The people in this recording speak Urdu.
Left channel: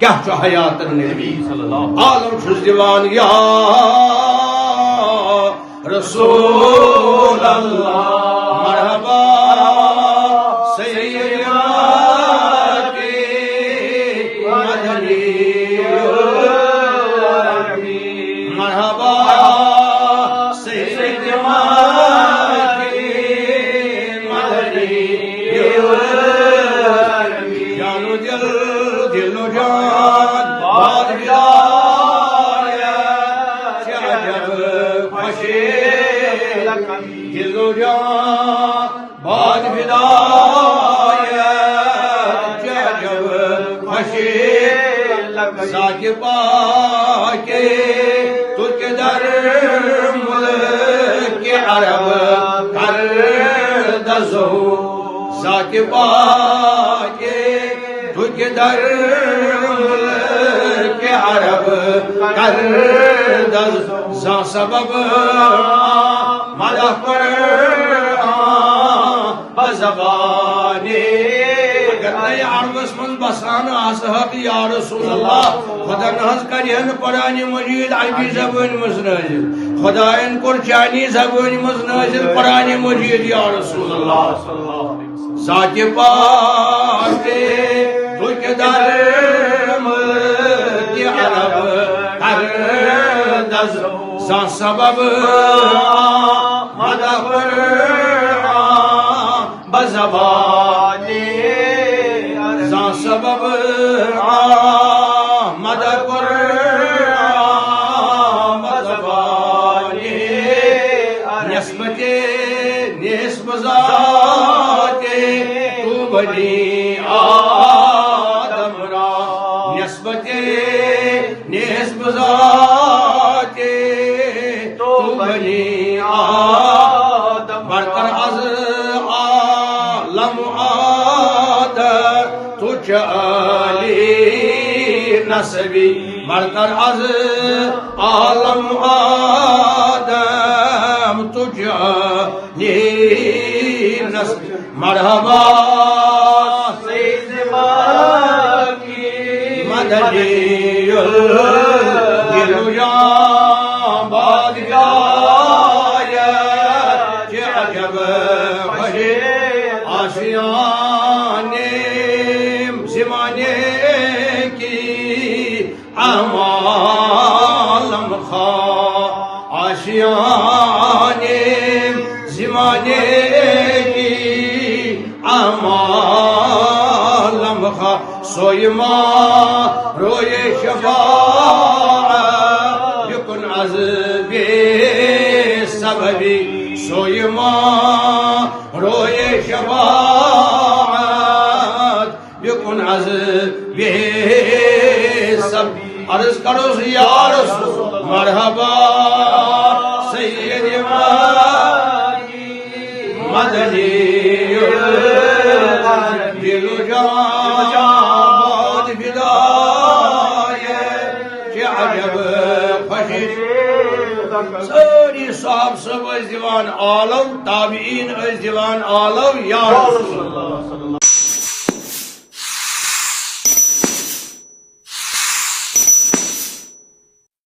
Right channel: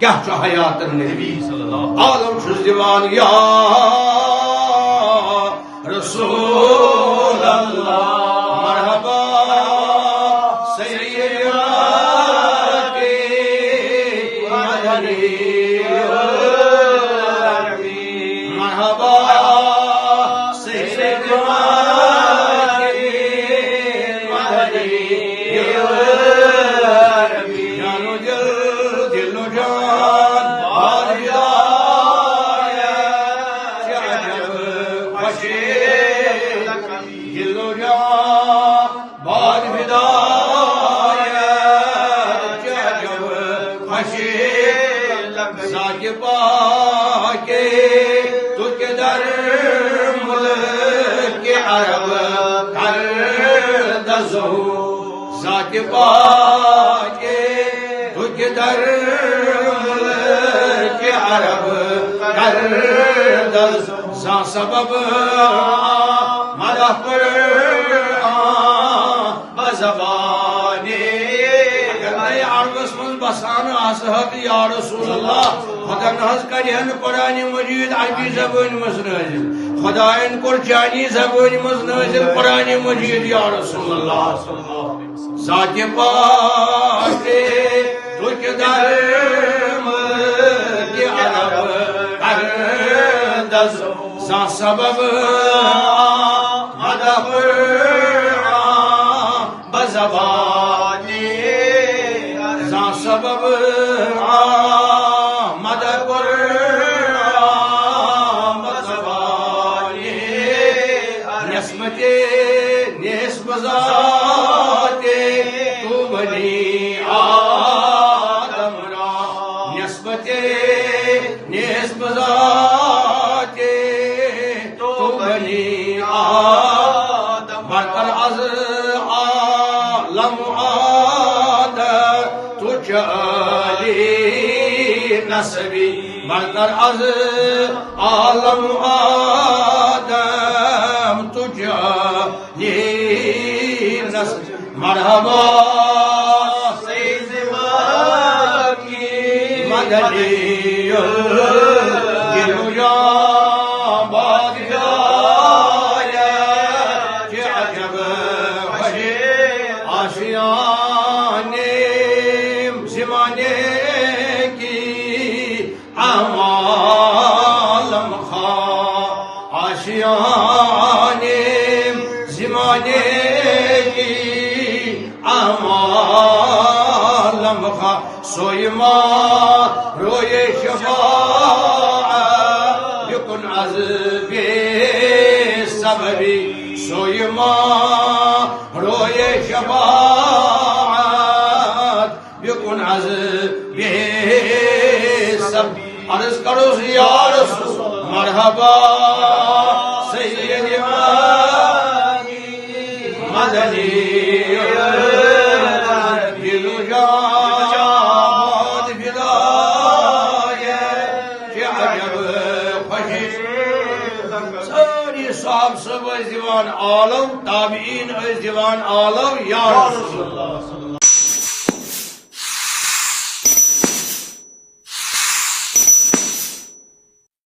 کیا چھو حیات النبی عالم چھس دیوان یا رسول اللہ مرحبا سید مکی مدنی مرحبا سید مکی مدنی جانو دل دل و جان باد بدایت کیا جب خوشی دل و جان باد بدایت کیا جب خوشی ساکِ پاکی تو کے در ملک عرب کردہ ظہور ساکِ پاکی تو کے در ملک عرب کردہ زان سبب مدح پر بزبانی اگر نئے عربس من بسان آسحق یا رسول اللہ خدا نحض کرین قرآن مجید عربی زبان مزنازل خدا ان کر چانی زبان مزنازل قرآن مجید یا رسول اللہ ذات پاکی تو کے در ملک عرب کردہ زان سبب مدح پر بزبانی زان سبب مدح پر بزبانی نسبت ذات تو بنی آدم را نسبت ذات تو بنی آدم برتر از عالم آدم تو چالی نسبی برتر از عالم آدم تو چالی نسبی مرحبا سید مکی مدنی دل و جان باد بدایت چه عجب خوشی آشیانے زمانے کی عالم خواہ آشیانے زمانے کی عالم خواہ سوئی ماں روئے شفاعت بکن از بے سببی سوئی ماں روئے شفاعت بکن از بے سب عرض کرو یا رسول مرحبا سید مدنی دل و جان بدایت کیا عجب خوشی ساری صاحب سب از دیوان آلو تابعین از دیوان آلو یا رسول